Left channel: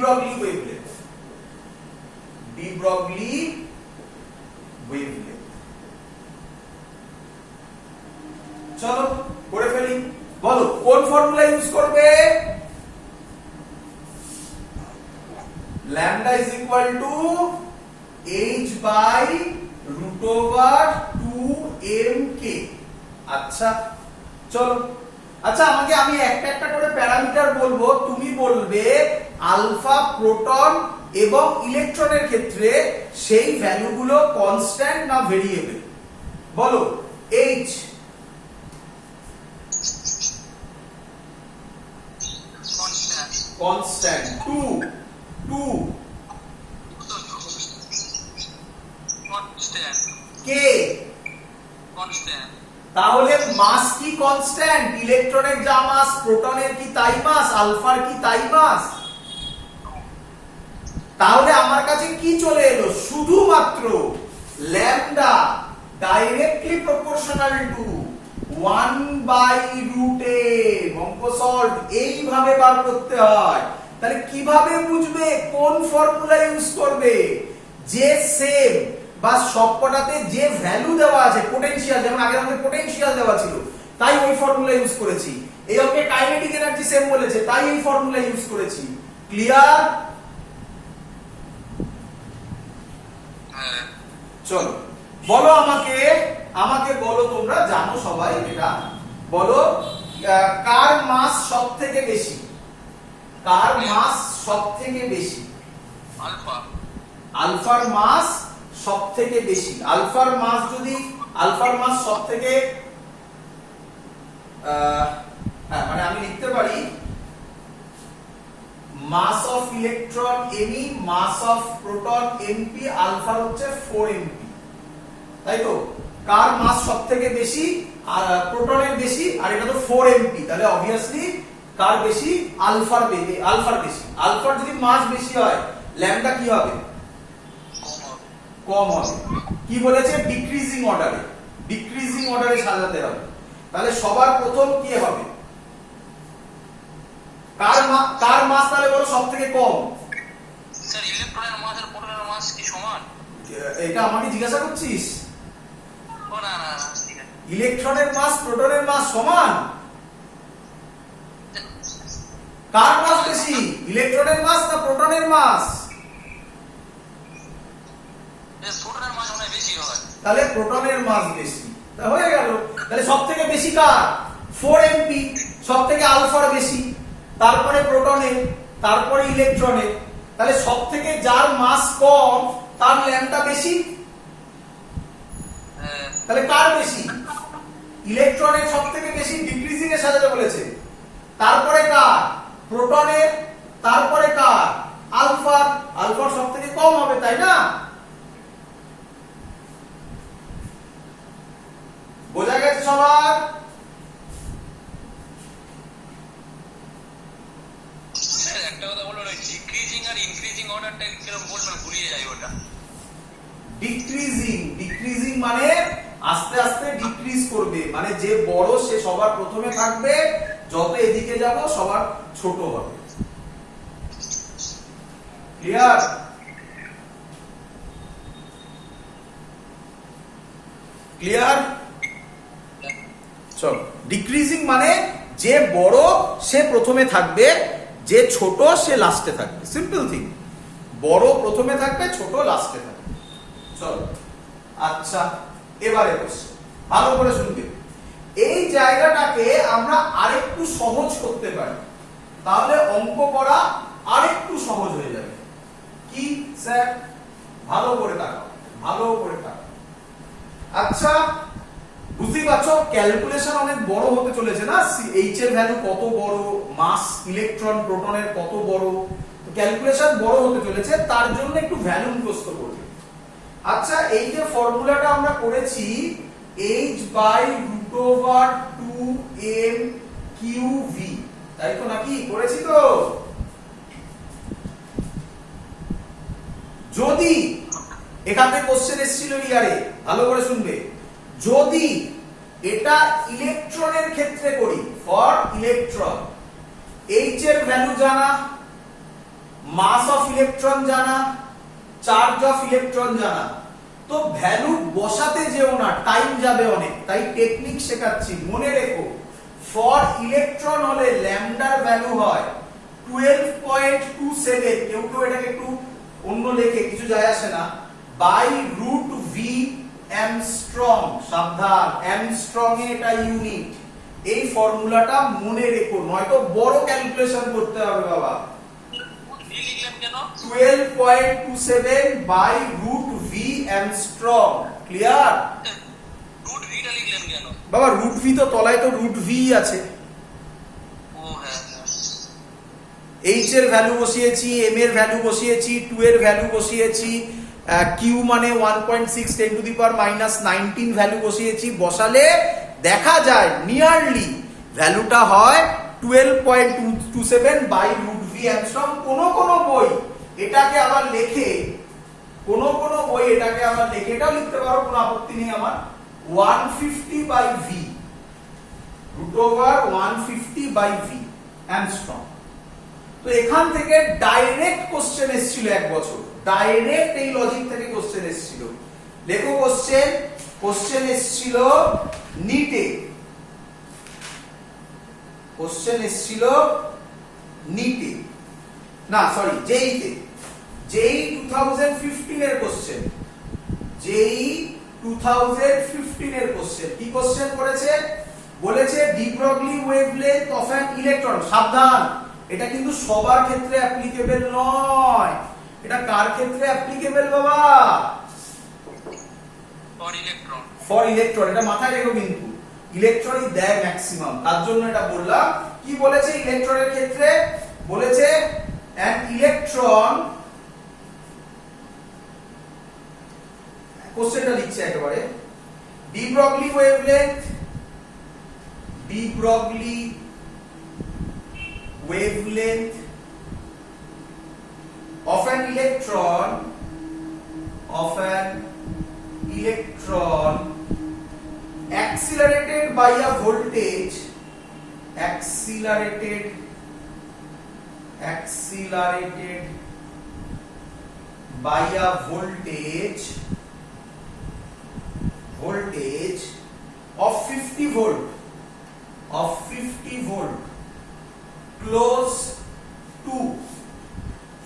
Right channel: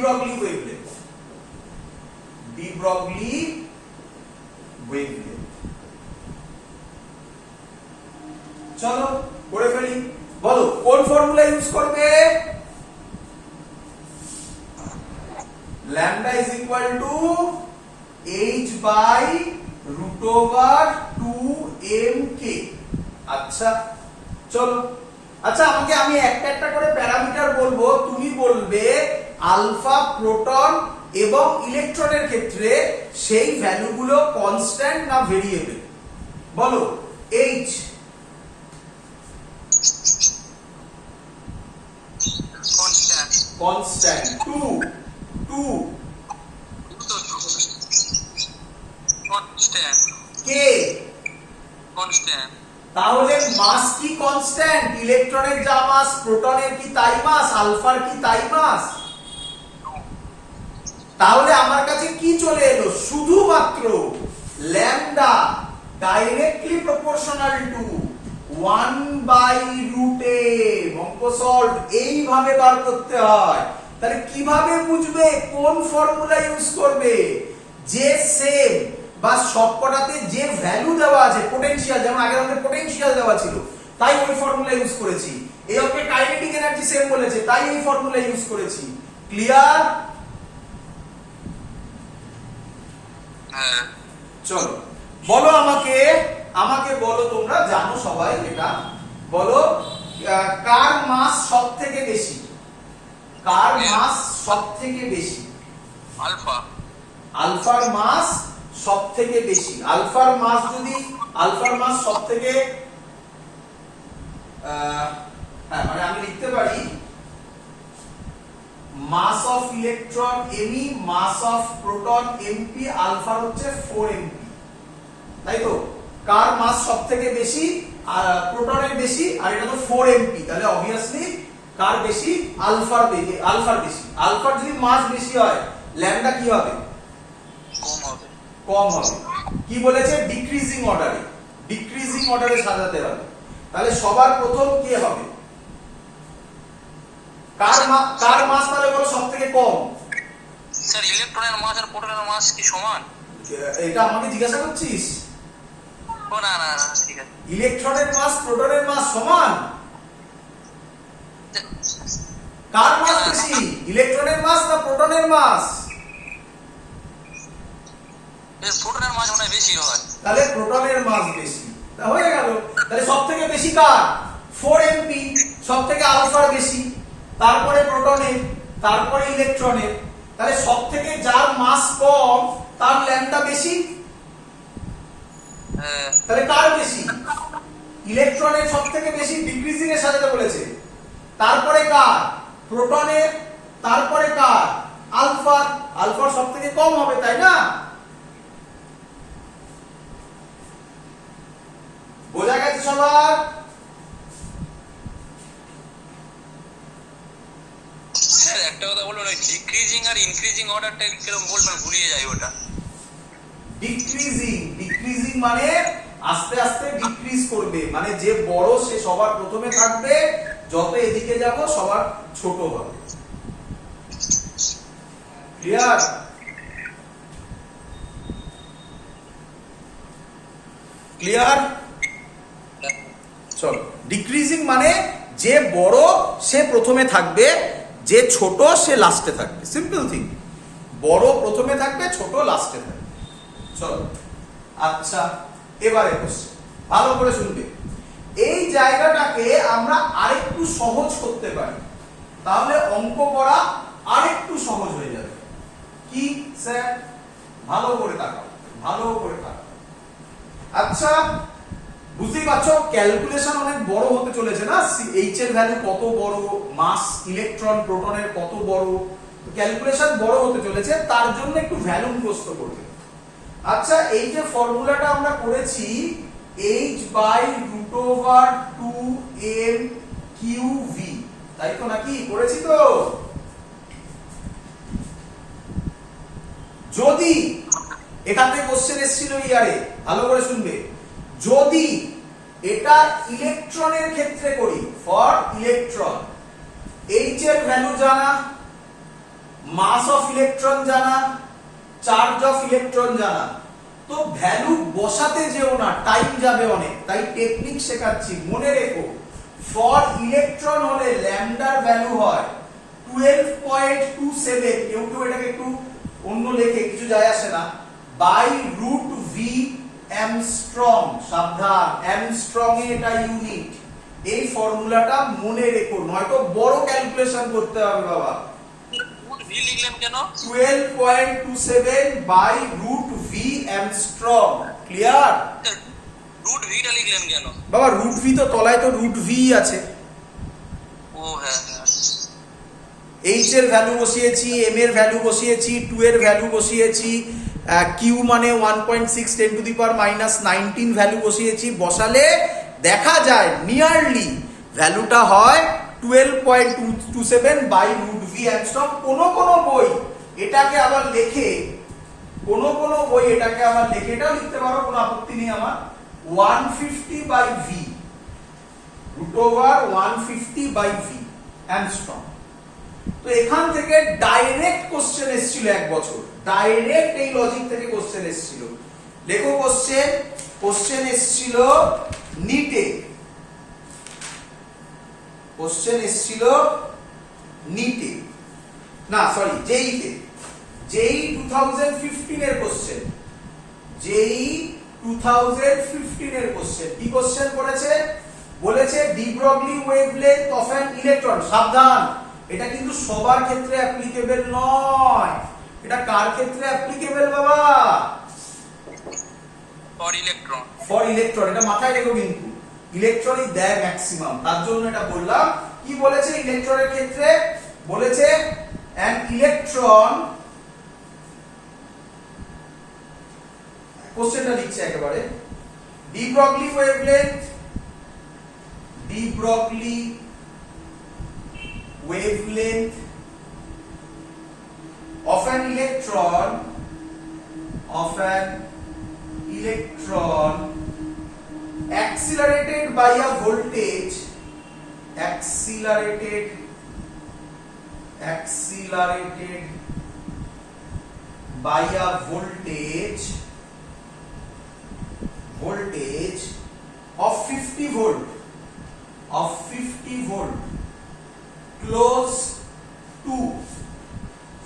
Broglie wavelength, de Broglie wavelength. চলো করে ফেলি, বলো কোন ফর্মুলা ইউজ করবে? lambda is equal to h by root over 2mk। আচ্ছা চলো, আচ্ছা আমাকে আমি একটা একটা করে প্যারামিটার বলবো, তুমি বলবে আলফা প্রোটন এবং ইলেকট্রনের ক্ষেত্রে সেই ভ্যালুগুলো কনস্ট্যান্ট না ভেরিয়েবল। বলো h কনস্ট্যান্ট, 2 k কনস্ট্যান্ট। তাহলে মাস কি কনস্ট্যান্ট? ইলেকট্রনের যা মাস প্রোটনের কি তাই মাস, আলফার কি তাই মাস। তাহলে আমার কাছে কি চলে এলো? শুধুমাত্র lambda directly proportional two 1/√m। অঙ্ক সলভ এইভাবে বার করতে হয়। তাহলে কিভাবে বুঝবে কোন ফর্মুলা ইউজ করবে? যে সেম বা সবকটাতে যে ভ্যালু দেওয়া আছে, পোটেনশিয়াল, যেমন আগের অঙ্কে পোটেনশিয়াল দেওয়া ছিল তাই ওই ফর্মুলা ইউজ করেছি। এই অঙ্কে কাইনেটিক এনার্জি সেম বলেছে তাই এই ফর্মুলা ইউজ করেছি। ক্লিয়ার? চলো বলো আমাকে বলো, তোমরা জানো সবাই এটা, বলো কার মাস সব থেকে বেশি? কার মাস সব থেকে বেশি? আলফা। আলফার মাস সব থেকে বেশি। আলফার মাস সব থেকে মানে আমি লিখতে পারি mass of electron me, mass of proton mp, আলফার হচ্ছে 4mp, তাই তো? কার মাস সব থেকে বেশি? প্রোটনের বেশি, আর এটা তো 4mp, তাহলে অবভিয়াসলি কার বেশি? আলফার বেশি। আলফার যদি মাস বেশি হয় ল্যামডা কি হবে? কম হবে। কি বলেছে? ডিক্রিজিং অর্ডারে সাজাতে হবে। তাহলে সবার প্রথম কি হবে? কার মাস তাহলে বলো সব থেকে কম? স্যার ইলেকট্রনের মাস আর প্রোটনের মাস কি সমান? এটা আমাকে জিজ্ঞাসা করছিস? ও না না না, ঠিক আছে। ইলেকট্রনের মাস প্রোটনের মাস সমান? কার মাস বেশি? ইলেকট্রনের মাস না প্রোটনের মাস? প্রোটনের মাস মনে হয় বেশি হয়। তাহলে প্রোটনের মাস বেশি, তা হয়ে গেল। তাহলে সব থেকে বেশি কার? 4mp, সব থেকে আলফার বেশি, তারপরে প্রোটনের, তারপরে ইলেকট্রনের। তাহলে সব থেকে যার মাস কম তার ল্যাম্বডা বেশি। তাহলে কার বেশি? ইলেকট্রনের সব থেকে বেশি ডিক্রিজিং এর সাজাতে বলেছে। তারপরে কার? প্রোটনের, তারপরে কার? আলফার। আলফার সব থেকে কম হবে, তাই না? বোঝা গেছে সবার? স্যার একটা কথা বলবো, ডিক্রিজিং আর ইনক্রিজিং অর্ডারটা কিরকম বলবেন, ভুলিয়ে যাই ওটা। ডিক্রিজিং মানে আস্তে আস্তে ডিক্রিজ করবে, মানে যে বড় সে সবার প্রথমে থাকবে, যত এদিকে যাব সবার ছোট হবে। ক্লিয়ার? ক্লিয়ার? চল, ডিক্রিজিং মানে যে বড় সে প্রথমে থাকবে, যে ছোট সে লাস্টে থাকবে। Simple thing. বড় প্রথমে থাকবে, ছোট লাস্টে থাকবে। চলো, আচ্ছা এবারে কোশ্চেন ভালো করে শুনবে। এই জায়গাটাকে আমরা আরেকটু সহজ করতে পারি, তাহলে অঙ্ক করা আরেকটু সহজ হয়ে যাবে। কি স্যার? ভালো করে তাকাও, ভালো করে তাকাও। আচ্ছা বুঝতেই পারছো ক্যালকুলেশন অনেক বড় হতে চলেছে না, এইচ এর ভ্যালু কত বড়, মাস ইলেকট্রন প্রোটনের কত বড়, ক্যালকুলেশন বড় হতে চলেছে, তার জন্য একটু ভ্যালু মুখস্থ করবে। আচ্ছা এই যে ফর্মুলাটা আমরা করেছি h/√2mqv, তাই তো নাকি? করেছি তো? যদি এখান থেকে কোশ্চেন এসেছিল ইয়ারে, ভালো করে শুনবে, যদি এটা ইলেকট্রনের ক্ষেত্রে করি, ফর ইলেকট্রন, এইচ এর ভ্যালু জানা, মাস অফ ইলেকট্রন জানা, চার্জ অফ ইলেকট্রন জানা, তো ভ্যালু বসাতে যেও না, টাইম যাবে অনেক, তাই টেকনিক শেখাচ্ছি। মনে রেখো, ফর ইলেকট্রন হলে ল্যামডার ভ্যালু হয় 12.27, কেউ কেউ এটাকে একটু অন্য লেখে, কিছু যায় আসে না, বাই রুট ভি অ্যামস্ট্রং। সাবধান, অ্যামস্ট্রং এ এটা ইউনিট। এই ফর্মুলাটা মনে রেখো, নয়তো বড় ক্যালকুলেশন করতে হবে বাবা। ভি লিখলেন কেন? 12.27 by root V angstrom. Clear? Root ভিটা লিখলেন কেন? বাবা রুট ভি তো তলায় তো রুট ভি আছে। ও হ্যাঁ, এইচ এর ভ্যালু বসিয়েছি, এম এর ভ্যালু বসিয়েছি, 2 এর ভ্যালু বসিয়েছি, কিউ মানে 1.6 10 টু দি পাওয়ার -19 ভ্যালু বসিয়েছি। বসালে দেখা যায় নিয়ারলি ভ্যালুটা হয় 12.27 বাই রুট ভি অ্যামস্ট্রং। কোন বই এটাকে আবার লেখে, এটাও লিখতে পারো, কোনো আপত্তি নেই আমার, 150 by V, root over 150 by V angstrom. তো এখান থেকে ডাইরেক্ট কোশ্চেন এসেছিল এক বছর, ডাইরেক্ট এই লজিক থেকে কোশ্চেন এসেছিল। লেখো কোশ্চেন এসেছিল নিটে, না সরি জেইতে, জেই 2015 এর কোশ্চেন, জেই 2015 এর কোশ্চেন। কি কোশ্চেন করেছে? বলেছে de Broglie wavelength of an electron. সাবধান, এটা কিন্তু সবার ক্ষেত্রে অ্যাপ্লিকেবল নয়। এটা কার ক্ষেত্রে অ্যাপ্লিকেবল বাবা? For electron. এটা মাথায় রেখো, কিন্তু ইলেকট্রনই দেয় ম্যাক্সিমাম, তার জন্য এটা বললাম। কি বলেছে ইলেকট্রনের ক্ষেত্রে? বলেছে অ্যান ইলেকট্রন, কোশ্চেনটা লিখছে একেবারে, de Broglie wavelength of an electron accelerated by a voltage of 50 volt close to,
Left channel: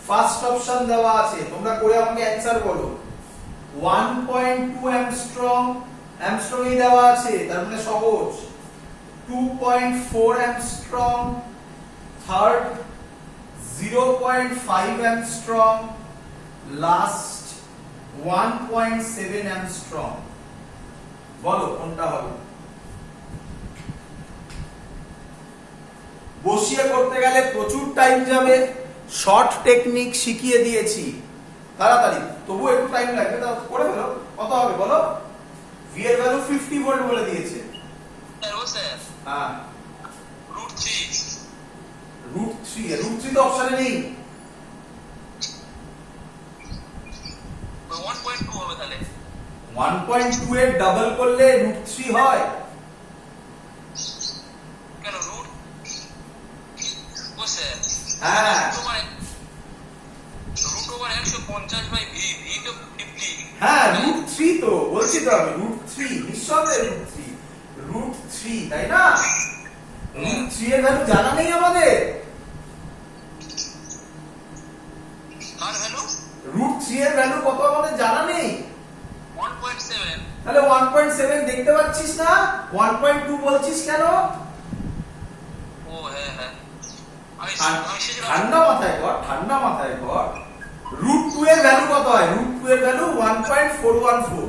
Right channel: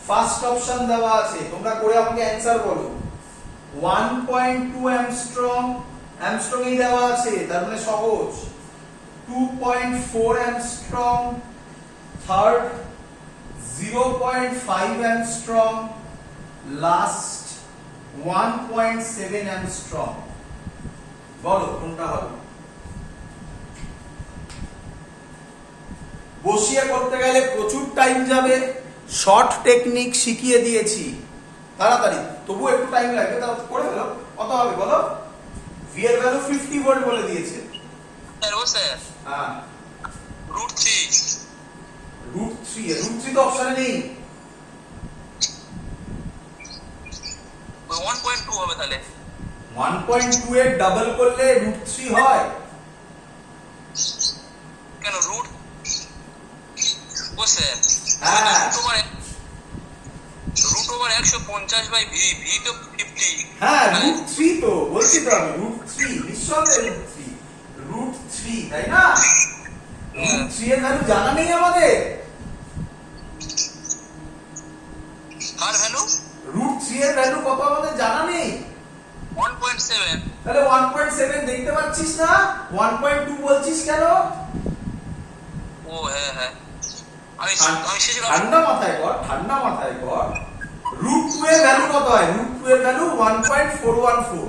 first option দেওয়া আছে, তোমরা করে আমাকে অ্যানসার বলো। 1.2 অ্যামস্ট্রং এই দেওয়া আছে, তার মানে সহজ। 2.4 Armstrong, third 0.5 Armstrong, last 1.7 Armstrong. বলো কোনটা হবে? বসিয়ে করতে গেলে প্রচুর টাইম যাবে, শর্ট টেকনিক শিখিয়ে দিয়েছি তাড়াতাড়ি, তবু একটু টাইম লাগবে, তা করে ফেলো। কত হবে বলো? ভি এর ভ্যালু 50 ভোল্ট বলে দিয়েছে। হ্যাঁ, রুট 3 তো অপশনে নেই। 1.2 হবে তাহলে। 1.2 এর ডাবল করলে রুট 3 হয় কেন? রুট বসে, হ্যাঁ, root over 150 by V, V তো 50। হ্যাঁ রুট 3 তো বলছি তো আমি, রুট 3 নিঃসন্দেহে রুট 3, তাই না? রুট 3 এর ভ্যালু জানা নেই আমাদের। আর ভ্যালু রুট 3 এর ভ্যালু কত আমাদের জানা নেই। 1.7। তাহলে 1.7 দেখতে পাচ্ছিস না? 1.2 বলছিস কেন? ও হ্যাঁ হ্যাঁ, ঠান্ডা মাথায় কর। রুট 2 এর ভ্যালু কত হয়? রুট 2 এর ভ্যালু 1.414।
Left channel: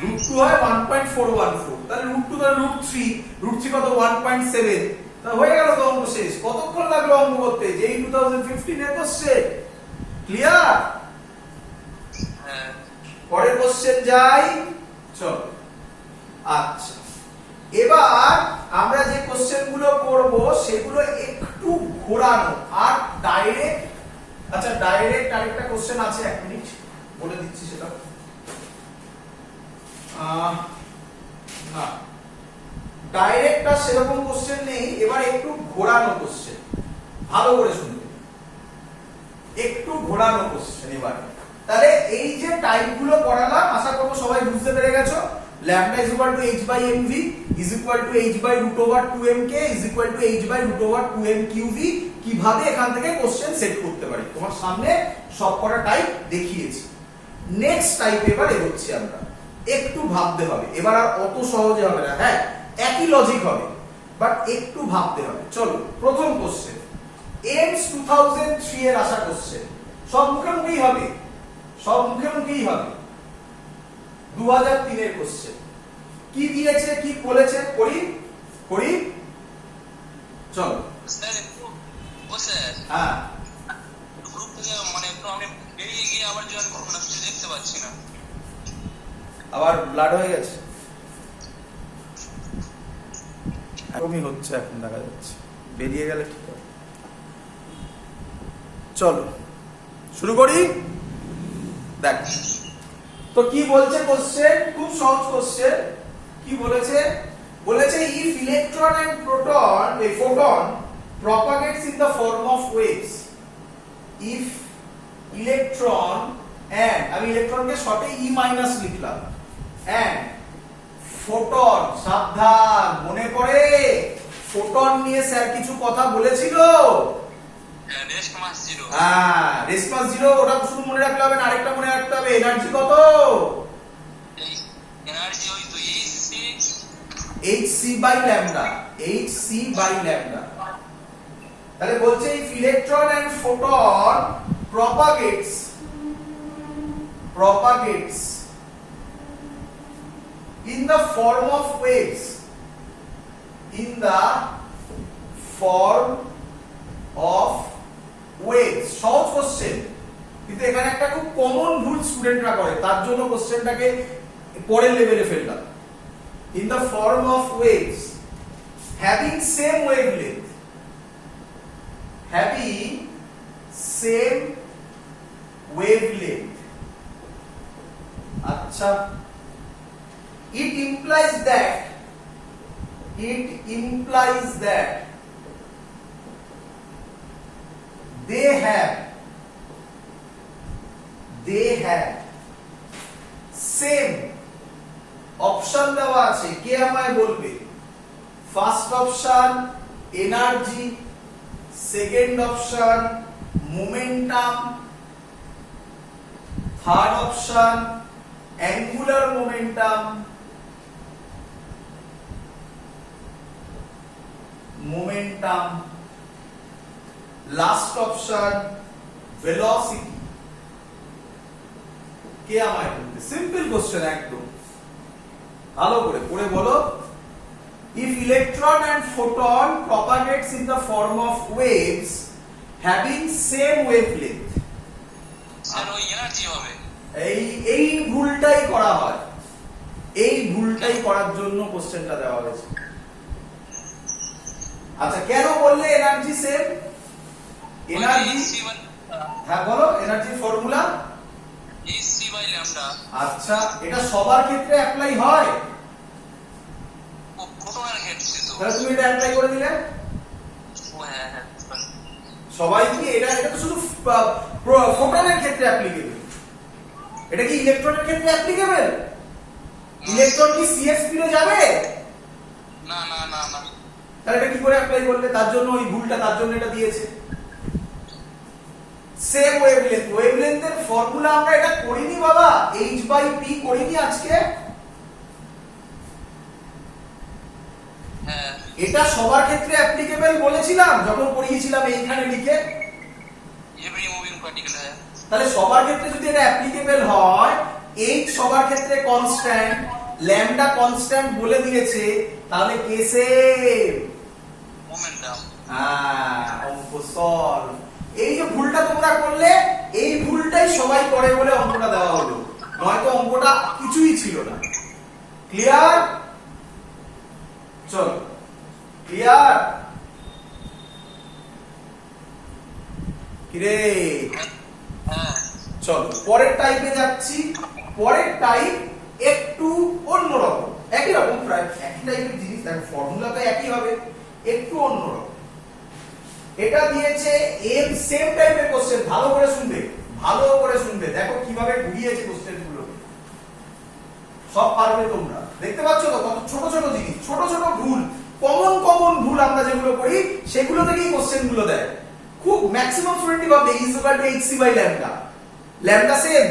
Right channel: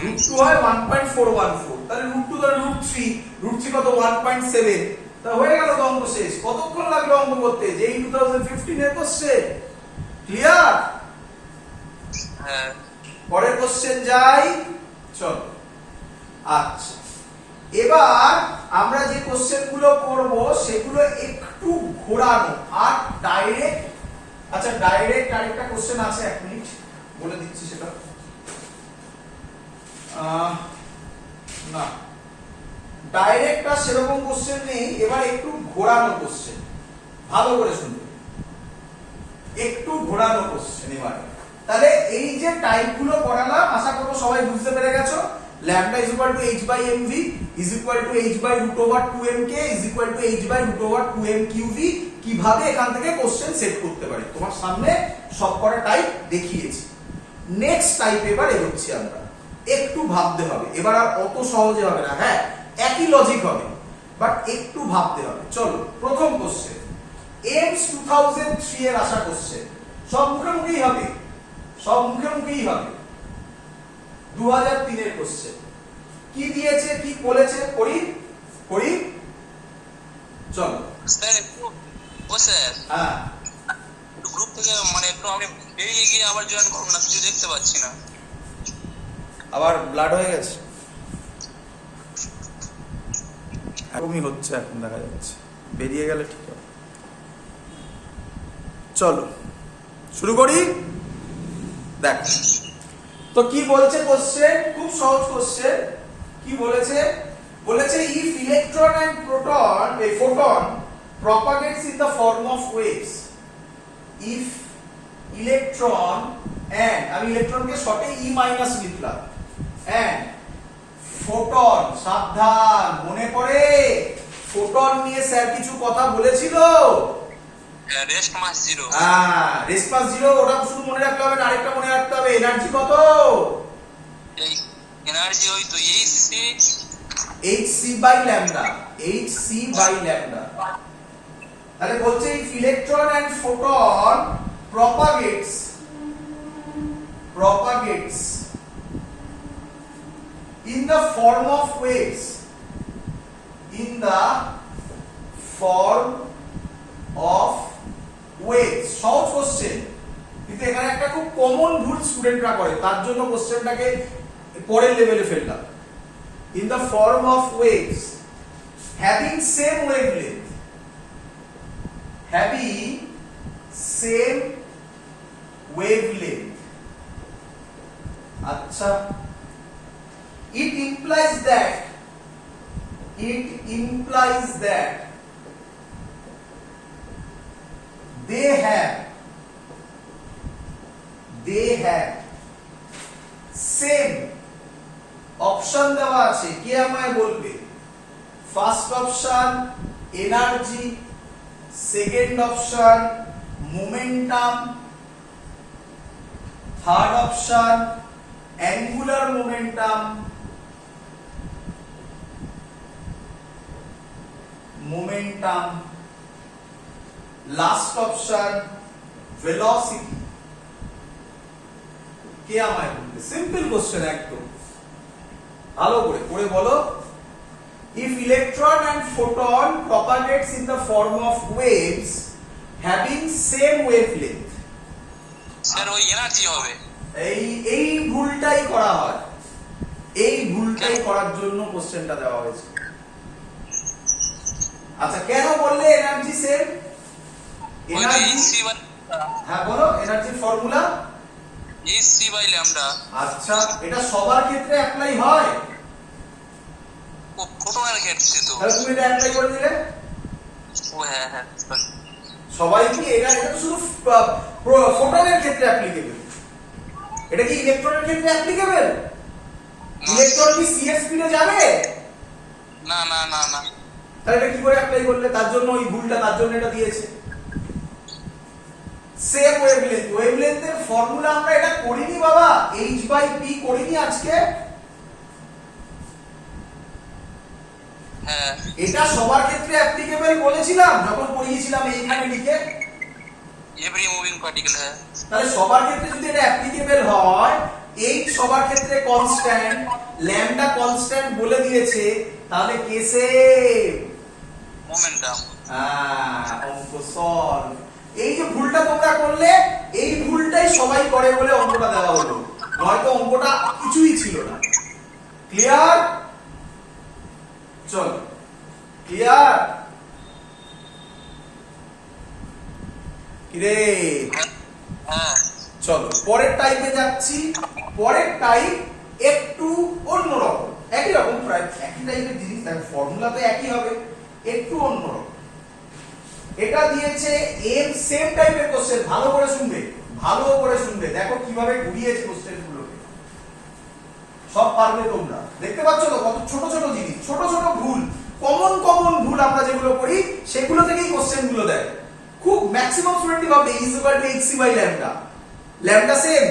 রুট 2 হয় 1.414, তাহলে রুট 2 তাহলে রুট 3 কত? 1.7। তা হয়ে গেল তো, অঙ্ক শেষ। কতক্ষণ লাগলো অঙ্ক করতে? যেই 2015 এর কোশ্চেন। ক্লিয়ার? হ্যাঁ। পরের কোশ্চেন যাই, চল। আচ্ছা, এবার আমরা যে কোশ্চেন গুলো করব সেগুলো একটু ঘোরানো আর ডাইরেক্ট। আচ্ছা, ডাইরেক্ট আরেকটা কোশ্চেন আছে, 1 মিনিট বলে দিচ্ছি সেটা। না, ডাইরেক্ট আর সেরকম কোশ্চেন নেই, এবার একটু ঘোরানো কোশ্চেন। ভালো করে শুনবে, একটু ঘোরানো কোশ্চেন এবার। তাহলে এই যে টাইপগুলো পড়ালাম আশা করব সবাই বুঝতে পেরে গেছো। lambda is equal to h by mv is equal to h by root over 2mk is equal to h by root over 2mqv কিভাবে এখান থেকে কোশ্চেন সেট করতে পারি তোমার সামনে সবকটা টাইপ দেখিয়েছি। নেক্সট টাইপ এবার এগোচ্ছি আমরা, একটু ভাবতে হবে এবার, আর অত সহজে হবে না, হ্যাঁ একই লজিক হবে বাট একটু ভাবতে হবে। চলো প্রথম কোশ্চেন এমস 2003 এর আসা কোশ্চেন, সব মুখে মুখেই হবে, সব মুখে মুখেই হবে। 2003 এর কোশ্চেন কি দিয়েছে কি বলেছে করি করি চলো। স্যার ও স্যার হ্যাঁ গ্রুপ থেকে মানে একটু আমি বেরিয়ে গিয়ে আবার জয়েন করব না, কিছু দেখতে পাচ্ছি না। আবার ব্লাড হয়ে গেছে, এরকমই হচ্ছে এখন দেখা যাচ্ছে, বেরিয়ে গেলে ঠিক হবে। চলো শুরু করি। দেখ তো কি বলছে কোশ্চেন, খুব সহজ কোশ্চেন। কি বলেছে, বলেছে if electron and proton a photon propagates in the form of waves, if electron and আমি ইলেকট্রনকে শর্টে ই মাইনাস লিখলাম, and ফোটন, সাবধান মনে পড়ে ফোটন নিয়ে স্যার কিছু কথা বলেছিল, রেস্ট মাস 0। হ্যাঁ রেস্ট মাস 0, ওটা শুধু মনে রাখতে হবে না, আরেকটা মনে রাখতে হবে, এনার্জি কত, এই এনার্জি ওই তো hc by lambda, hc by lambda. তাহলে বলছে if electron and photon propagates in the form of waves, in the form of waves, সহজ কোশ্চেন কিন্তু এখানে একটা খুব কমন ভুল স্টুডেন্টরা করে, তার জন্য কোশ্চেনটাকে পরের লেভেলে ফেললাম। in the form of waves having same wavelength, having same wavelength, আচ্ছা it implies that they have same option দেওয়া আছে, কে আমায় বলবে? First option energy, second option momentum, third option angular momentum, last option velocity. কে আমায় বলবে? Simple question একদম, ভালো করে করে বলো। if electron and photon propagates in the form of waves having same wavelength, sir ওই এনার্জি হবে। এই ভুলটাই করা হয়, এই ভুলটাই করার জন্য কোশ্চেনটা দেওয়া হয়েছে। আচ্ছা কেন বললে এনার্জি সেম? এনার্জি, হ্যাঁ বলো energy formula hc by lambda. আচ্ছা এটা সবার ক্ষেত্রে অ্যাপ্লাই হয়? ফোটনের ক্ষেত্রে তো তাহলে তুমি এটা অ্যাপ্লাই করে দিলে, ও হ্যাঁ হ্যাঁ সবাই কি এটা তো শুধু ফোটনের ক্ষেত্রে অ্যাপ্লিকেবল, এটা কি ইলেকট্রনের ক্ষেত্রে অ্যাপ্লিকেবল? ইলেকট্রন কি সিএস স্পিডে যাবে? না না না না, তাহলে এটা কি করে অ্যাপ্লাই করলে? তার জন্য ওই ভুলটা, তার জন্য এটা দিয়েছে। সেম ওয়েভলেন্থ, ওয়েভলেন্থের ফর্মুলা আমরা এটা করিনি বাবা, h বাই p করিনি আজকে? হ্যাঁ এটা সবার ক্ষেত্রে অ্যাপ্লিকেবল বলেছিলাম যখন পড়িয়েছিলাম এইখানে লিখে। এভরি মুভিং পার্টিকেল, হ্যাঁ তাহলে সবার ক্ষেত্রে যদি এটা অ্যাপ্লিকেবল হয়, h সবার ক্ষেত্রে কনস্ট্যান্ট, ল্যামডা কনস্ট্যান্ট বলে দিয়েছে, তাহলে কে সেম? মোমেন্টাম। অঙ্ক সলভ। এই যে ভুলটা তোমরা করলে, এই ভুলটাই সবাই করে বলে অঙ্কটা দেওয়া হলো, নয়তো অঙ্কটা কিছুই ছিল না। ক্লিয়ার? চল ক্লিয়ার? কিরে হ্যাঁ চল পরের টাইপে যাচ্ছি। পরের টাইপ একটু অন্যরকম, একই রকম প্রায় একই টাইপের জিনিস, দেখো ফর্মুলা তো একই হবে, একটু অন্যরকম। এটা দিয়েছে এম, সেম টাইপের কোশ্চেন, ভালো করে শুনবে, ভালো করে শুনবে, দেখো কিভাবে ঘুরিয়েছে কোশ্চেন গুলোকে, সব পারবে তোমরা। দেখতে পাচ্ছ তো কত ছোট ছোট জিনিস, ছোট ছোট ভুল, কমন কমন ভুল আমরা যেগুলো করি সেগুলো থেকেই কোশ্চেন গুলো দেয়। খুব ম্যাক্সিমাম স্টুডেন্টই ভাবে is equal to H C by lambda, lambda same,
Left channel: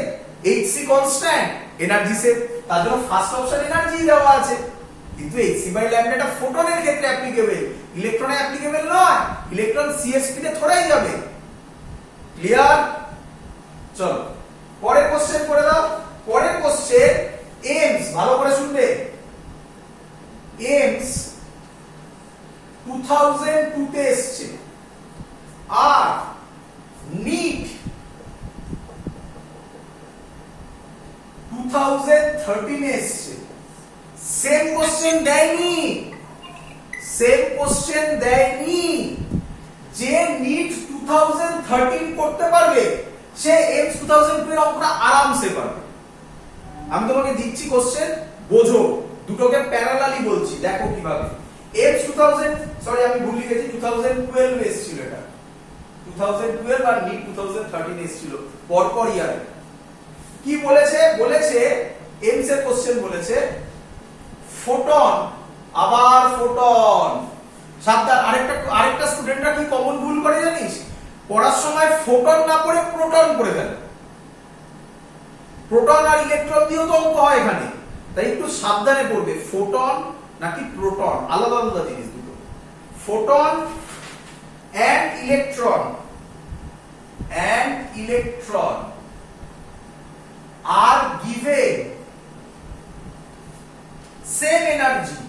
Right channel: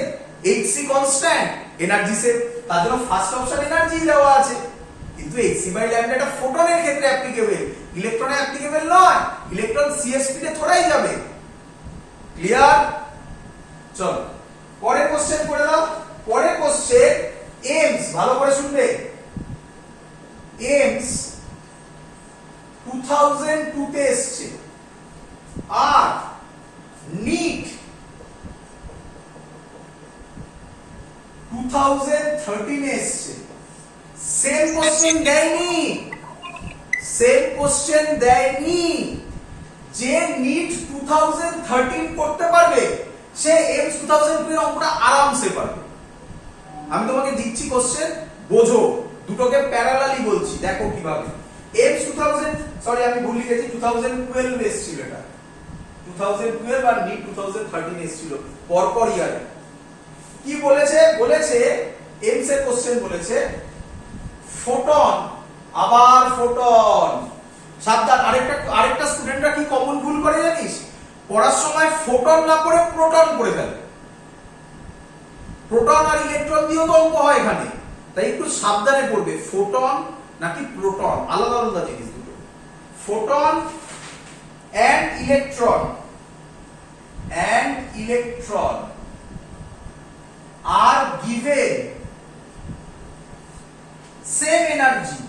H C constant, energy same, তার জন্য ফার্স্ট অপশন এনার্জি দেওয়া আছে। কিন্তু এইচ সি বাই ল্যামডা এটা ফোটনের ক্ষেত্রে অ্যাপ্লিকেবল, ইলেকট্রনে অ্যাপ্লিকেবল নয়। ইলেকট্রন সি এর স্পিডে থোড়াই যাবে। ক্লিয়ার? চলো পরের কোশ্চেন করে দাও। পরের কোশ্চেন এমস, ভালো করে শুনবে, এমস 2002 তে এসছে, আর নিট 2013 এ এসছে। সেম কোশ্চেন দেয়নি, সেম কোশ্চেন দেয়নি। যে নিট 2013 করতে পারবে সে এমস 2002 এর অঙ্কটা আরামসে পারবে। আমি তোমাকে দিচ্ছি কোশ্চেন, বোঝো, দুটোকে প্যারালালি বলছি, দেখো কিভাবে। এমস 2000, সরি আমি ভুল লিখেছি, 2012 এসেছিল এটা, 2012 আর নিট 2013 এসেছিল পরপর ইয়ারে। কি বলেছে? বলেছে এমস এর কোশ্চেন বলেছে ফোটন, আবার ফোটন। সাবধান, আরেকটা স্টুডেন্টরা কি কমন ভুল করে জানিস? পড়ার সময় ফোটন না পড়ে প্রোটন পড়ে ফেলে। প্রোটন আর ইলেকট্রন দিয়েও তো অঙ্ক হয় এখানে, তাই একটু সাবধানে পড়বে, ফোটন নাকি প্রোটন, আলাদা আলাদা জিনিস দুটো। Photon and electron are given same energy,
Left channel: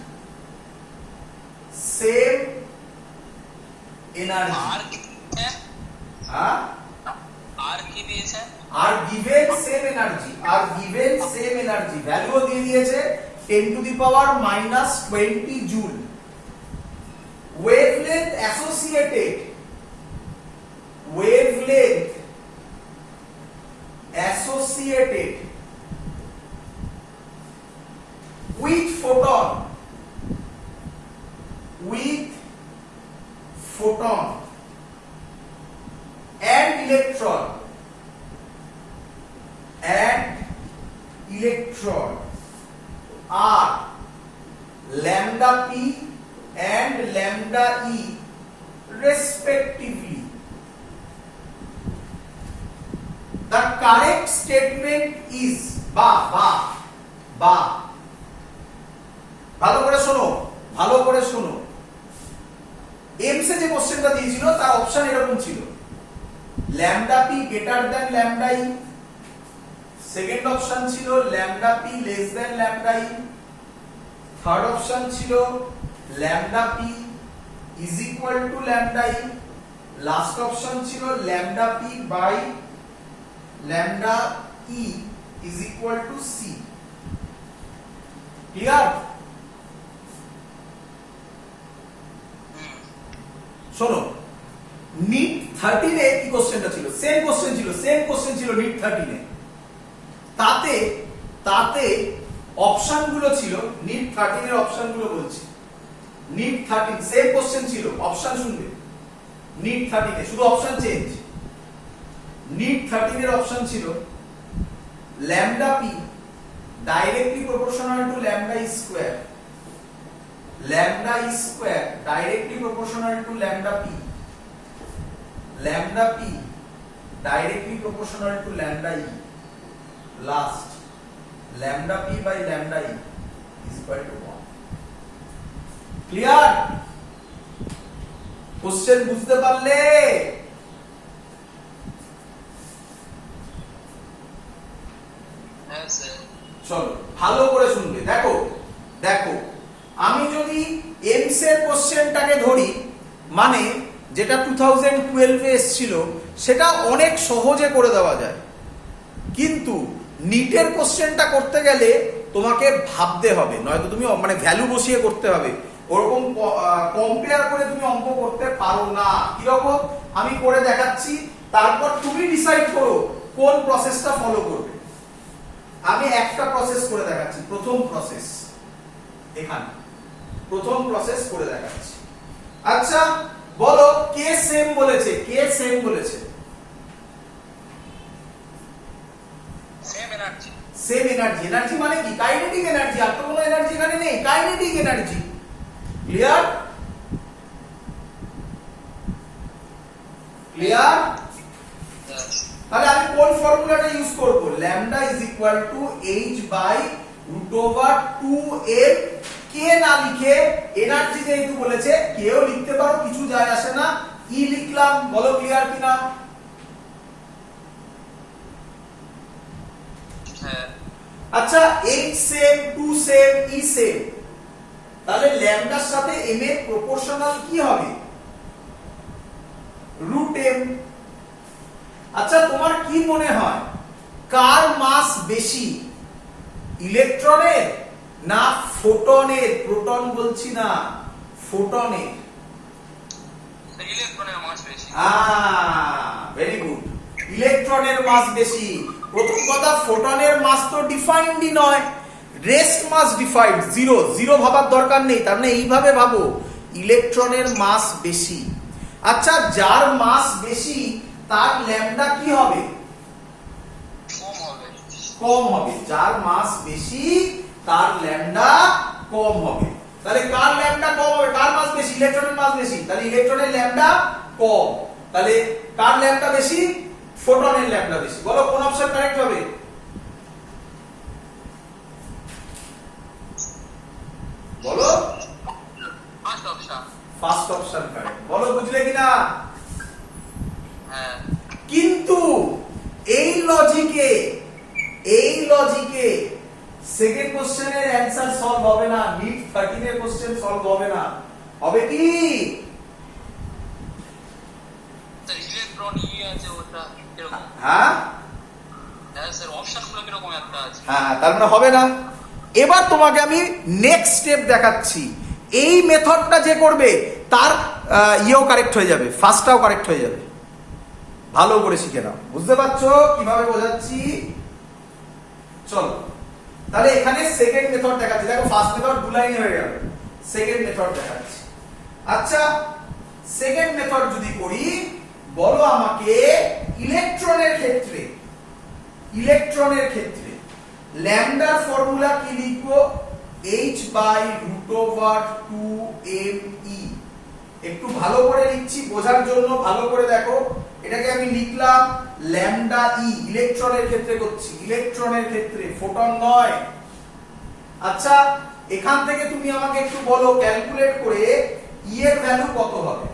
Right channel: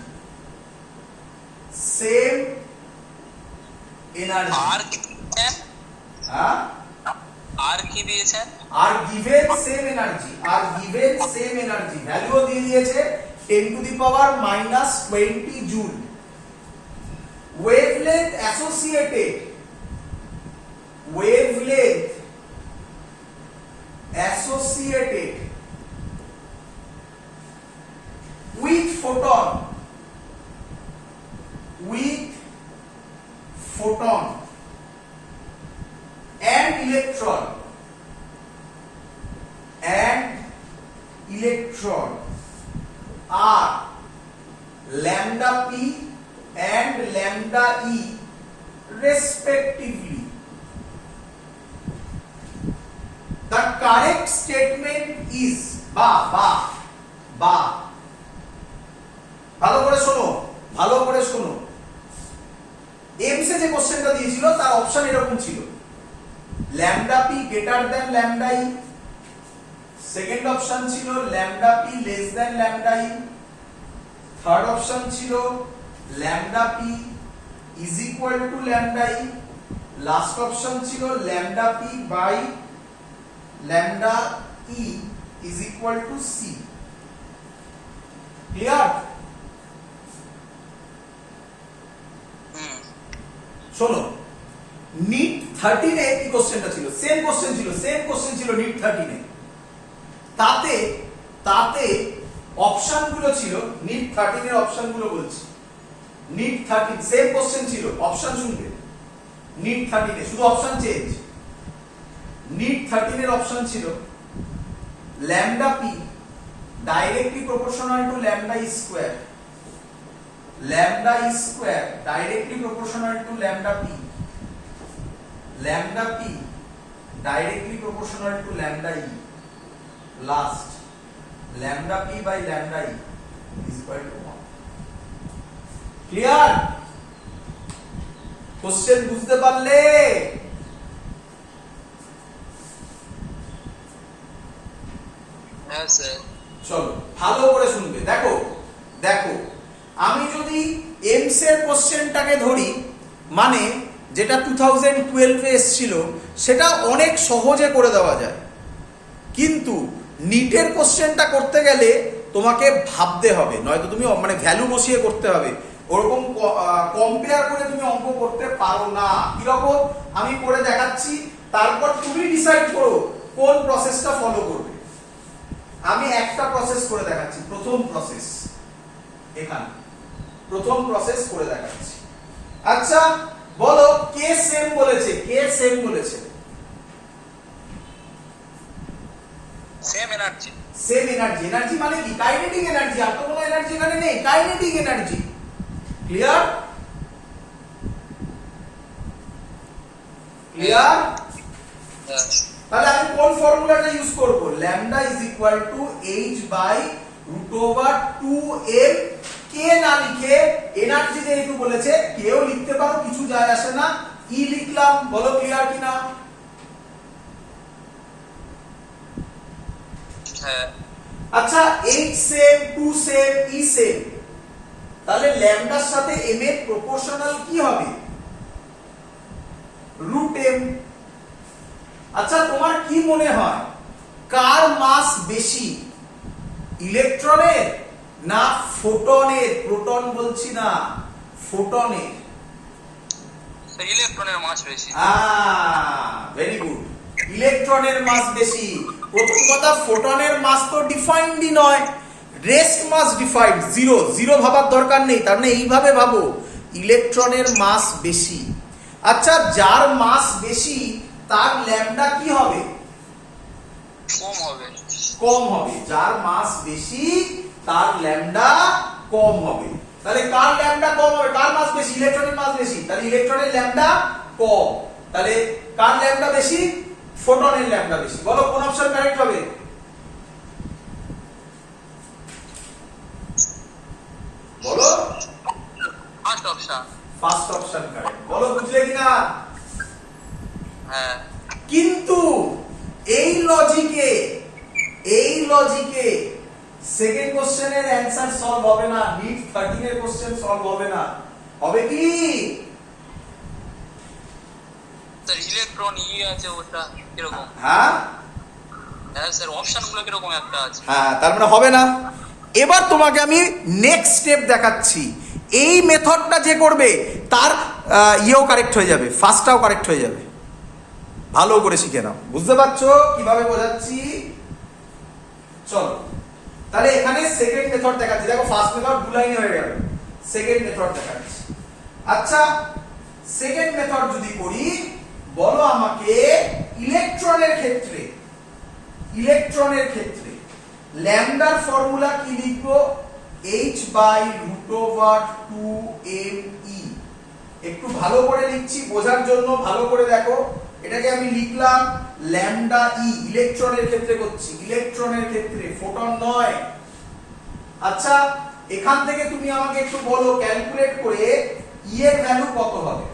আর কি দিয়েছে? are given same energy, ভ্যালুও দিয়ে দিয়েছে 10 to the power minus 20 joule। wavelength associated with photon and electron are lambda p and lambda e respectively। The correct statement is বা ভালো করে শোনো, ভালো করে শোনো। এমস এ যে কোশ্চেনটা দিয়েছিল তার অপশন এরকম ছিল, lambda P greater than lambda E, second option ছিল lambda P less than lambda E, third option ছিল lambda P is equal to lambda E, last option ছিল lambda P by lambda E is equal to C. Clear? শোনো, NEET 13 এ কি কোশ্চেনটা ছিল? Same question ছিল NEET 13 এ। তাতে অপশন গুলো ছিল, নিট 13 এর অপশন গুলো বলছি, নিট 13 সেম কোশ্চেন ছিল, অপশন শুনবে, নিট 13 এ শুধু অপশন চেঞ্জ। নিট 13 এর অপশন ছিল lambda P directly proportional to lambda E square, lambda is square directly proportional to lambda p, lambda p directly proportional to lambda e, last lambda p by lambda e is equal to 1। clear? question বুঝতে পারলে? হ্যাঁ sir. চলো ভালো করে শুনবে, দেখো আমি যদি এমস এর কোশ্চেনটাকে ধরি, মানে যেটা 2012 এ এসেছিল, সেটা অনেক সহজে করে দেওয়া যায়। কিন্তু নিটের কোশ্চেনটা করতে গেলে তোমাকে ভাবতে হবে, নয়তো তুমি মানে ভ্যালু বসিয়ে করতে হবে, ওরকম কম্পেয়ার করে তুমি অঙ্ক করতে পারো না। কিরকম আমি করে দেখাচ্ছি, তারপর তুমি ডিসাইড করো কোন প্রসেসটা ফলো করবে। আমি একটা প্রসেস করে দেখাচ্ছি, প্রথম প্রসেস করে দেখাচ্ছি। আচ্ছা বলো কে সেম বলেছে, কে সেম বলেছে? Same energy. Same energy. Energy মানে কি? Kinetic energy. আর তো কোনো এনার্জি এখানে নেই, কাইনেটিক এনার্জি। ক্লিয়ার? ক্লিয়ার? তাহলে আমি কোন ফর্মুলাটা ইউজ করব? Lambda is equal to H by root over 2m। কে না লিখে এনার্জি যেহেতু বলেছে কেও লিখতে পারো, কিছু যায় আসে না, ই লিখলাম। বলো ক্লিয়ার কিনা? আচ্ছা, H same, 2 same, E same, তাহলে ল্যামডার সাথে m এর প্রপোর্শনাল কি হবে? Root m। আচ্ছা, তোমার কি মনে হয় কার মাস বেশি, ইলেকট্রনের না ফোটনের? প্রোটন বলছি না, ফোটনের। ইলেকট্রনের মাস বেশি। ভেরি গুড, ইলেকট্রনের মাস বেশি। প্রথম কথা, ফোটনের মাস তো ডিফাইন্ডই নয়, রেস্ট মাস ডিফাইন্ড, জিরো। জিরো ভাবার দরকার নেই, তার মানে এইভাবে ভাবো, ইলেকট্রনের মাস বেশি। আচ্ছা, যার মাস বেশি তার ল্যামডা কি হবে? কম হবে। কম হবে। যার মাস বেশি তার ল্যামডা কম হবে। তাহলে কার ল্যামডা কম হবে? কার মাস বেশি? ইলেকট্রনের মাস বেশি, তাহলে ইলেকট্রনের ল্যামডা কম। তাহলে কার ল্যামডা বেশি? ফোটনের ল্যামডা বেশি। বলো কোন অপশন কারেক্ট হবে? বলো। First option. First option correct. বলো বুঝলে কিনা? হ্যাঁ। কিন্তু এই লজিকে সেকেন্ড কোশ্চেনের অ্যানসার সলভ হবে না, নিট 13 এর কোশ্চেন সলভ হবে না। হবে কি? স্যার ইলেকট্রন ই আছে, ওটা কিরকম? হ্যাঁ হ্যাঁ স্যার, অপশনগুলো কিরকম একটা আছে। হ্যাঁ, তার মানে হবে না। এবার তোমাকে আমি নেক্সট স্টেপ দেখাচ্ছি। এই মেথডটা যে করবে তার ইয়েও কারেক্ট হয়ে যাবে, ফার্স্টটাও কারেক্ট হয়ে যাবে। ভালো করে শিখে নাও। বুঝতে পারছো কিভাবে বোঝাচ্ছি? চলো, তাহলে এখানে সেকেন্ড মেথড দেখাচ্ছি। দেখো, ফার্স্ট মেথড দু লাইনে হয়ে গেল, সেকেন্ড মেথড দেখাচ্ছি। আচ্ছা, সেকেন্ড মেথড যদি করি, বলো আমাকে ইলেকট্রনের ক্ষেত্রে ল্যামডার ফর্মুলা কি লিখবো? h by root over 2me। একটু ভালো করে লিখছি বোঝার জন্য, ভালো করে দেখো। এটাকে আমি লিখলাম ল্যামডা ই, ইলেকট্রনের ক্ষেত্রে করছি, ইলেকট্রনের ক্ষেত্রে, ফোটন নয়। আচ্ছা, এখান থেকে তুমি আমাকে একটু বলো ক্যালকুলেট করে ই এর ভ্যালু কত হবে?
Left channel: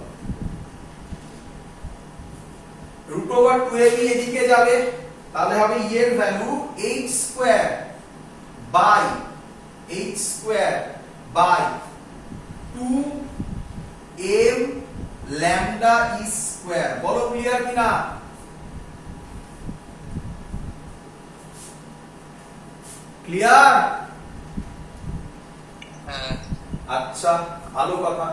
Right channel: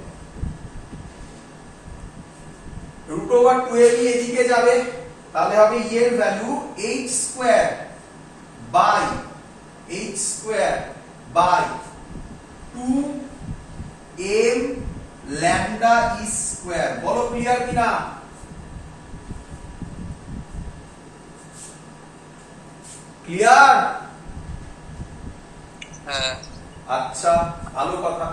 রুট ওভার 2me এদিকে যাবে, তাহলে হবে ই এর value h square by 2m lambda E square. বলো ক্লিয়ার কিনা? ক্লিয়ার? হ্যাঁ। আচ্ছা, ভালো কথা।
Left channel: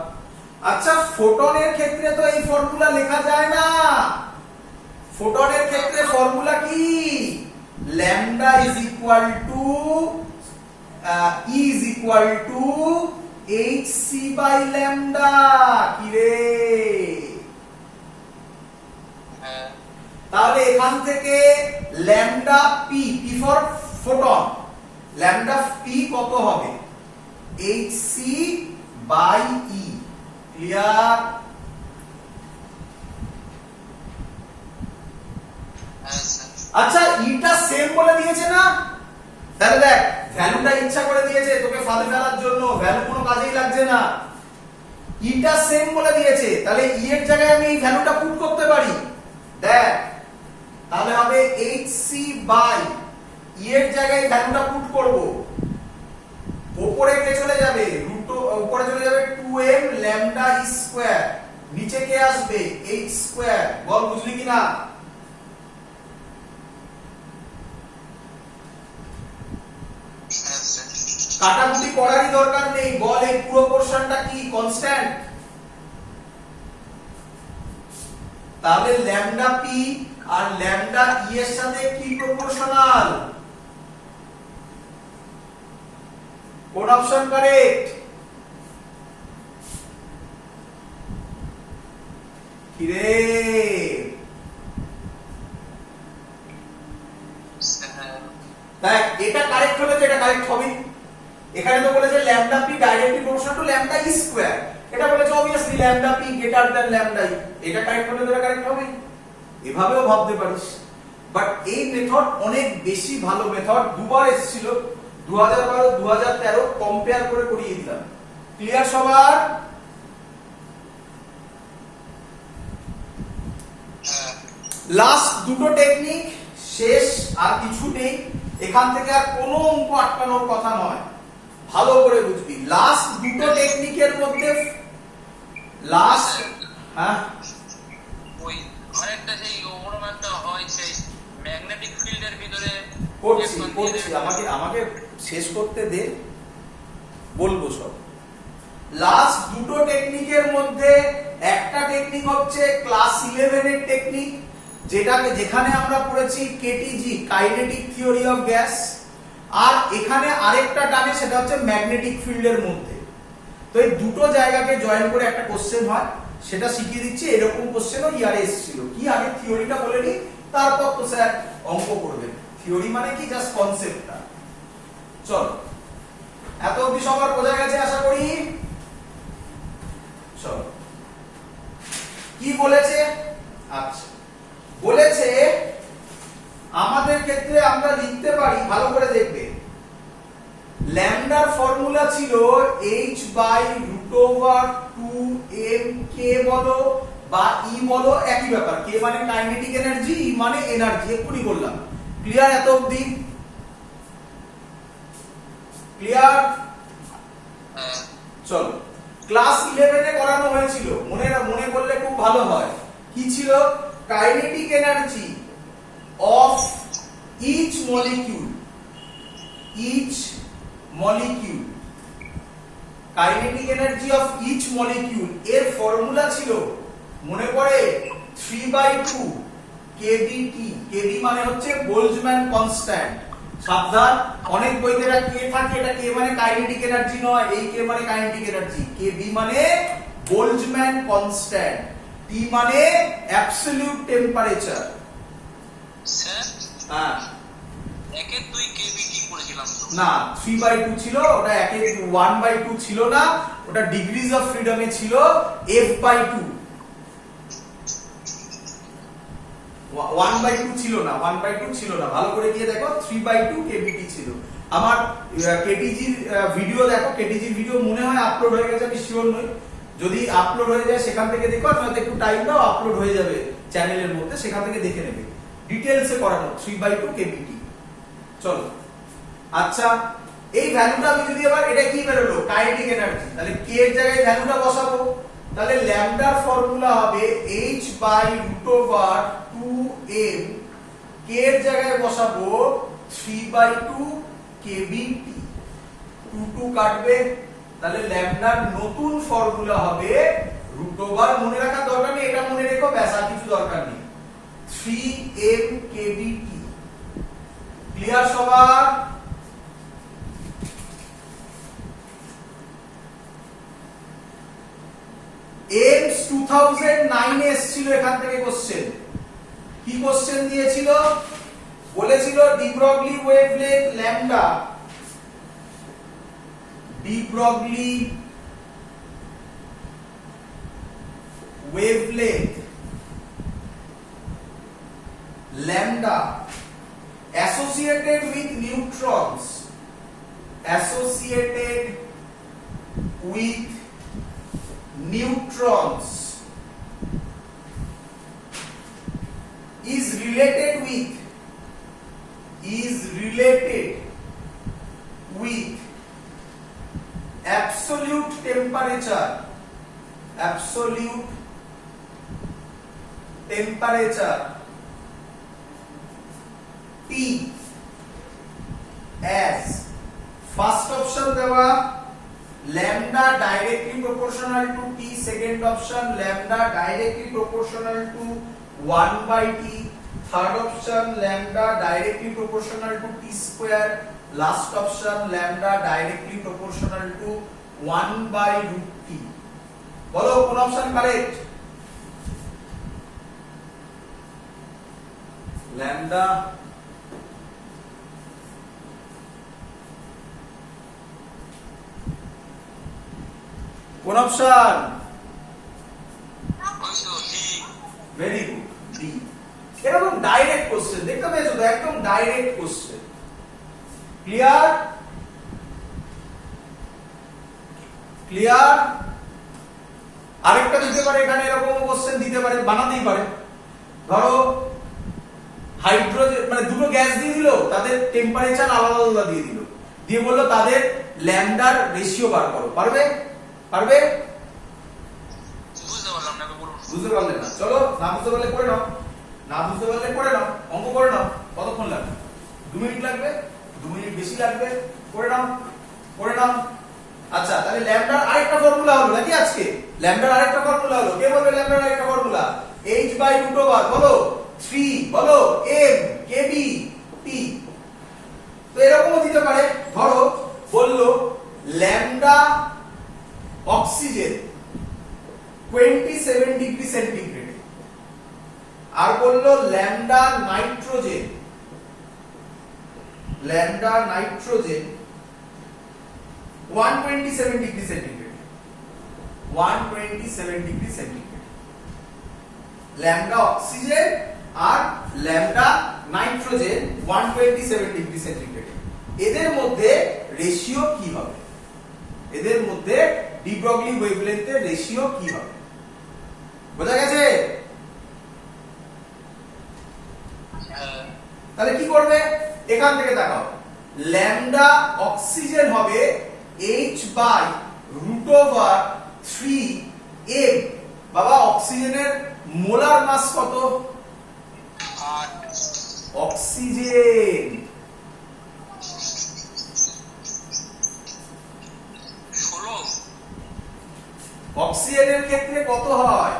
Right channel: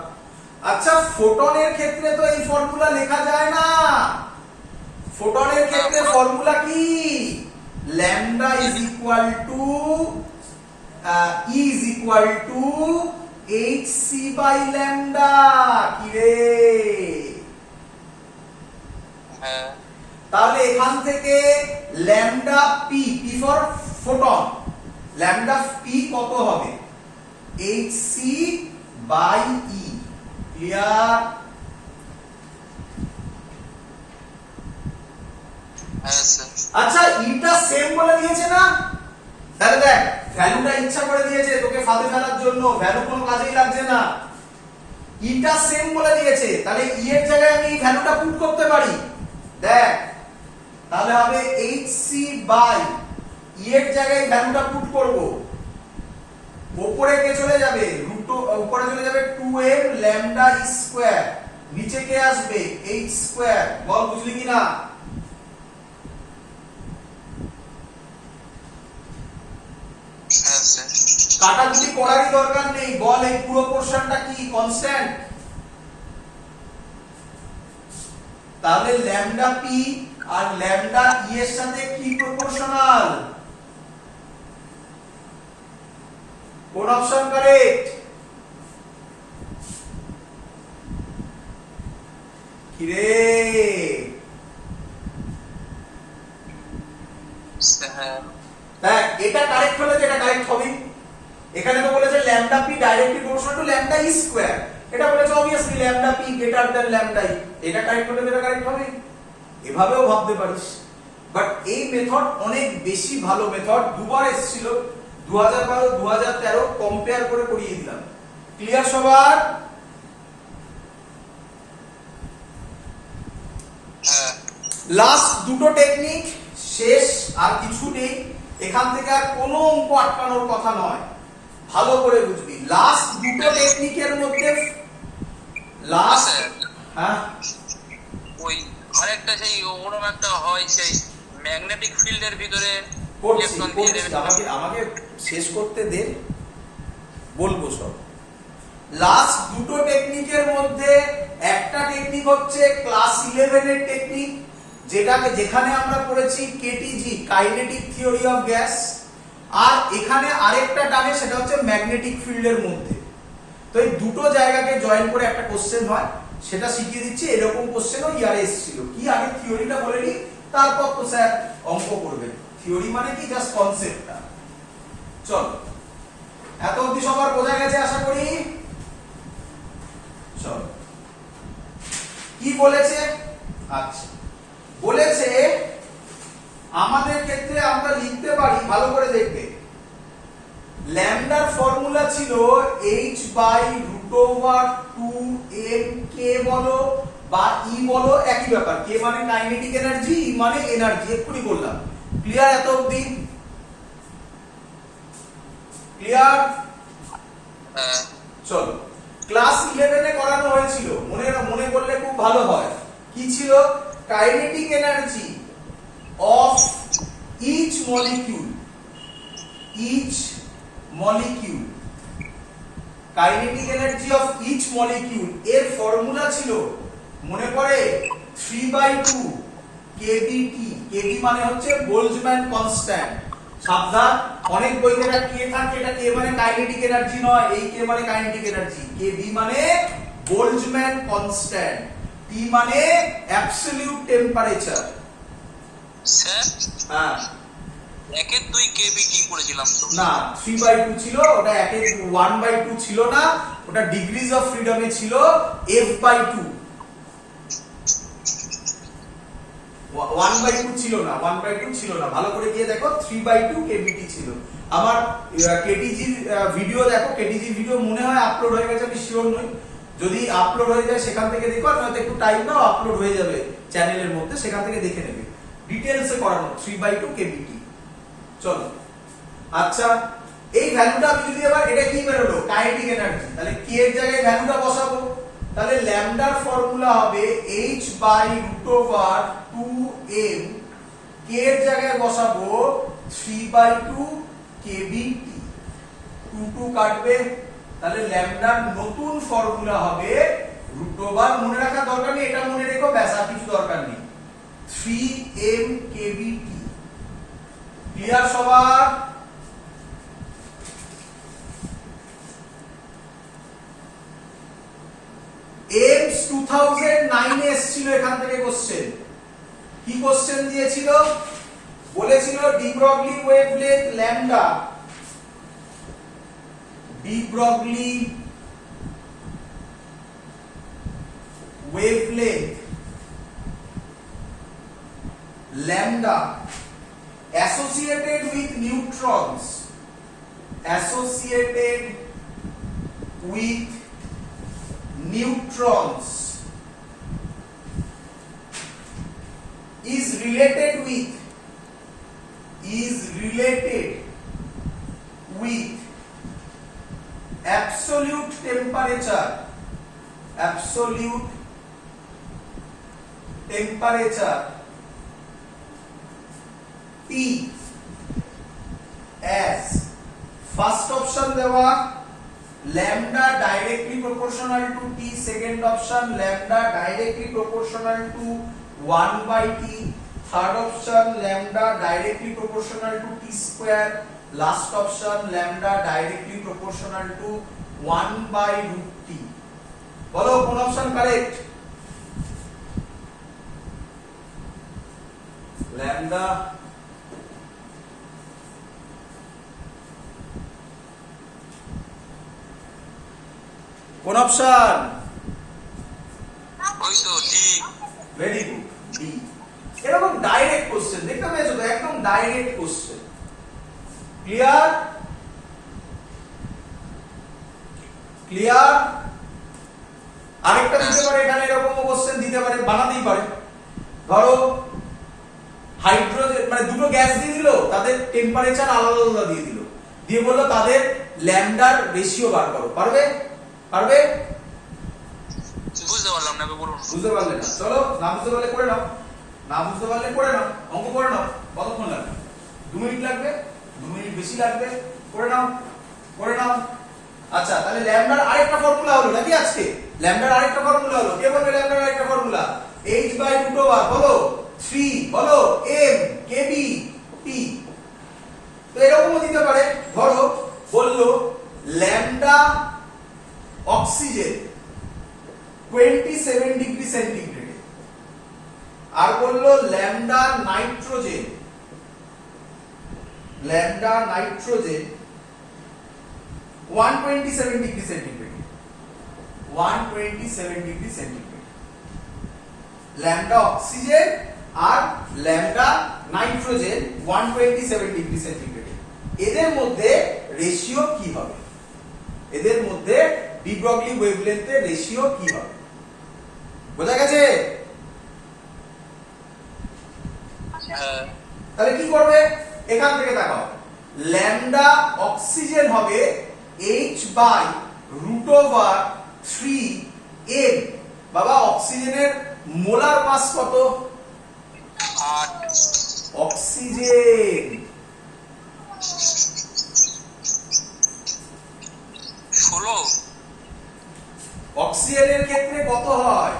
আচ্ছা, ফোটনের ক্ষেত্রে তো এই ফর্মুলা লেখা যায় না। ফোটনের ক্ষেত্রে ফর্মুলা কি? Lambda is equal to hc by lambda. কি রে? হ্যাঁ। তাহলে এখান থেকে lambda P for photon, lambda P কত হবে? hc by E. ক্লিয়ার? হ্যাঁ স্যার। আচ্ছা, ইটা সেম বলে দিয়েছে না? তাহলে দেখ, ভ্যালুটা ইচ্ছা করে দিয়েছে তোকে ফাঁদে ফেলার জন্য, ভ্যালু কোনো কাজেই লাগছে না। ইটা সেম বলে দিয়েছে, তাহলে ই এর জায়গায় আমি এই ভ্যালুটা পুট করতে পারি। দেখ, তাহলে হবে hc বাই ই এর জায়গায় ভ্যালুটা পুট করব। উপরে কে চলে যাবে? উপরে চলে যাবে 2m ল্যামডা ই স্কয়ার, নিচে কে আসবে? h square. বল বুঝলি কিনা? হ্যাঁ স্যার। কাটাকুটি করারই দরকার নেই। বল এই পুরো পোরশনটা কি কনস্ট্যান্ট? তাহলে ল্যামডা পি আর ল্যামডা ই এর সাথে কি প্রপোর্শনাল? কোন অপশন কারেক্ট? কিরে হ্যাঁ দেখ এটা কারেক্ট হলে তো এটা কারেক্ট হবে। এখানে তো বলেছে lambda P directly proportional to lambda E square, এটা বলেছে obviously lambda P greater than lambda E, এটা কারেক্ট হলে এটা কারেক্ট হবে। এভাবেও ভাবতে পারিস, বাট এই মেথড অনেক বেশি ভালো মেথড, দুবার এসেছিল 2012 2013 কম্পেয়ার করে করিয়ে দিলাম। ক্লিয়ার সবার? হ্যাঁ লাস্ট দুটো টেকনিক শেষ, আর কিছু নেই এখান থেকে, আর কোনো অঙ্ক আটকানোর কথা নয়, ভালো করে বুঝবি। লাস্ট দুটো টেকনিকের মধ্যে লাস্ট হ্যাঁ ওই আরেকটা সেই ওরকম একটা হয় সেই ম্যাগনেটিক ফিল্ডের ভিতরে করছি electron দিয়ে করছি, দেবে। আমাকে আমাকে শেষ করতে দে, বলবো সব। লাস্ট দুটো টেকনিকের মধ্যে একটা টেকনিক হচ্ছে ক্লাস 11 এর টেকনিক, যেখানে আমরা পড়েছি কেটিজি কাইনেটিক থিওরি অফ গ্যাস, আর এখানে আরেকটা টানে সেটা হচ্ছে ম্যাগনেটিক ফিল্ডের মধ্যে। তো এই দুটো জায়গাকে জয়েন করে একটা কোশ্চেন হয়, সেটা শিখিয়ে দিচ্ছি। এরকম কোশ্চেনও ইয়ারে এসেছিল, কি আগে থিওরিটা বলে নি, তারপর তো স্যার অঙ্ক করবেন। থিওরি মানে কি, জাস্ট কনসেপ্টটা। চল, এত অবধি সবার বোঝা গেছে আশা করি। চল, কি বলেছে? আচ্ছা, বলেছে আমাদের ক্ষেত্রে আমরা লিখতে পারি, ভালো করে দেখবে, ল্যামডার ফর্মুলা ছিল h/√2m, k বলো বা e বলো একই ব্যাপার, k মানে কাইনেটিক এনার্জি, e মানে এনার্জি, এক্ষুনি বললাম। ক্লিয়ার এত অবধি? ক্লিয়ার? হ্যাঁ চলো, ক্লাস 11 এ করানো হয়েছিল, মনে করলে খুব ভালো হয়। কি ছিল? Kinetic energy of each molecule, kinetic energy of each molecule এর ফর্মুলা ছিল, মনে পড়ে, 3/2 কেবিটি। কেবি মানে হচ্ছে বোল্টজম্যান কনস্ট্যান্ট। সাবধান, অনেক বইতে এটা কে থাকে, এটা কে মানে কাইনেটিক এনার্জি নয়, এই কে মানে কাইনেটিক এনার্জি, কেবি মানে বোল্টজম্যান কনস্ট্যান্ট, টি মানে অ্যাবসলিউট টেম্পারেচার। স্যার হ্যাঁ, 1/2 কেবিটি করেছিলাম তো। না 3/2 ছিল ওটা, 1/2 ছিল না, ওটা ডিগ্রিজ অফ ফ্রিডমে ছিল f/2, 1/2 ছিল না, 1/2 ছিল না, ভালো করে গিয়ে দেখো 3/2 কেবিটি ছিল। আমার কেটিজি ভিডিও দেখো, কেটিজি ভিডিও মনে হয় আপলোড হয়ে গেছে, আমি শিওর নই, যদি আপলোড হয়ে যায় সেখান থেকে দেখো, আর নয়তো একটু টাইম দাও, আপলোড হয়ে যাবে চ্যানেলের মধ্যে, সেখান থেকে দেখে নেবে, ডিটেইলসে করানো 3/2 কেবিটি। চলো, আচ্ছা, এই ভ্যালুটা আমি যদি এবার, এটা কি বেরোলো, কাইনেটিক এনার্জি, তাহলে k এর জায়গায় ভ্যালুটা বসাবো, তাহলে ল্যামডার ফর্মুলা হবে h/√2m, k এর জায়গায় বসাবো 3/2 kBT, 2 কাটবে, তাহলে ল্যামডার নতুন ফর্মুলা হবে √, মনে রাখার দরকার নেই, এটা মনে রেখো, ব্যাস, আর কিছু দরকার নেই, 3m kBT। ক্লিয়ার সবার? এমস 2009 এ এসেছিল, এখান থেকে কোশ্চেন। কি কোশ্চেন দিয়েছিল? বলেছিল de Broglie wavelength lambda, de Broglie wavelength lambda associated with neutrons, associated with neutrons is related with absolute temperature, T as first option দেওয়া lambda directly proportional to T, second option lambda directly proportional to 1/T, third option lambda directly proportional to T square, last option lambda directly proportional to 1/√T। বলো কোন option correct? Lambda কোন option? ওই তো D. Very good, D. এরকম direct question দেখতে পেয়েছো তো, একদম ডাইরেক্ট কোশ্চেন। ক্লিয়ার? ক্লিয়ার? আরেকটা দিতে পারে এখানে, এরকম কোশ্চেন দিতে পারে, বানাতেই পারে। ধরো হাইড্রোজেন মানে দুটো গ্যাস দিয়ে দিল, তাদের টেম্পারেচার আলাদা আলাদা দিয়ে দিল, দিয়ে বললো তাদের ল্যামডার রেশিও বার করো। পারবে? পারবে? বুঝতে পারলাম না, এবার বলুন। বুঝতে পারলে না? চলো, না বুঝতে পারলে করে নাও, না বুঝতে পারলে করে নাও, অঙ্ক করে নাও। কতক্ষণ লাগবে? 2 মিনিট লাগবে, 2 মিনিট বেশি লাগবে, করে নাও, করে নাও। আচ্ছা, তাহলে ল্যামডার আরেকটা ফর্মুলা হলো নাকি আজকে? ল্যামডার আরেকটা ফর্মুলা হলো, কে বলবে ল্যামডার আরেকটা ফর্মুলা? h/√r বলো, 3 বলো, m kb t। তো এরকমও দিতে পারে, ধরো বললো ল্যামডা অক্সিজেন 27 ডিগ্রি সেন্টিগ্রেড, আর বললো lambda nitrogen 127 degree centigrade, 127 degree centigrade. Lambda oxygen আর ল্যামডা নাইট্রোজেন 127 ডিগ্রি সেন্টিগ্রেড। এদের মধ্যে রেশিও কি হবে? এদের মধ্যে ডি ব্রগলি ওয়েভলেন্থের রেশিও কি হবে? বোঝা গেছে? হ্যাঁ। তাহলে কি করবে? এখান থেকে দেখাও, ল্যামডা অক্সিজেন হবে h/√3m। বাবা, অক্সিজেনের মোলার মাস কত? 8। অক্সিজেন 16। অক্সিজেনের ক্ষেত্রে কত হয়?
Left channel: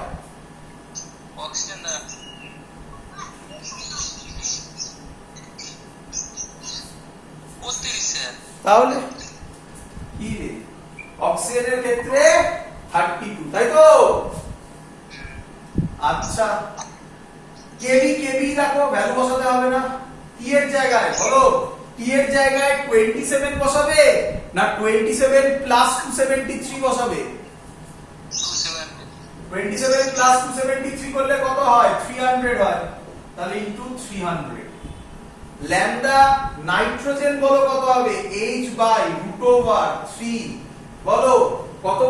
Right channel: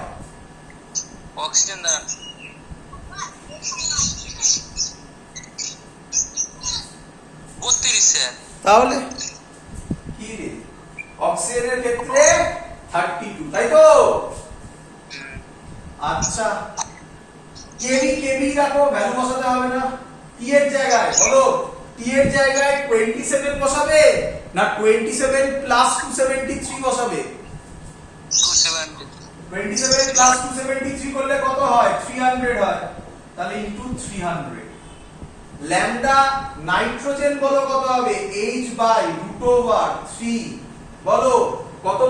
অক্সিজেন দ্বারা 32 স্যার। তাহলে কি রে, অক্সিজেনের ক্ষেত্রে 32, তাই তো? আচ্ছা, কেবি রাখো, ভ্যালু বসাতে হবে না। টি এর জায়গায় বলো, টি এর জায়গায় 27 বসাবে না 27 প্লাস 273 বসাবে? 270। 27 প্লাস 273 করলে কত হয়? 300 হয়। তাহলে ইনটু 300। ল্যামডা নাইট্রোজেন বলো কত হবে? h/√3 বলো কত?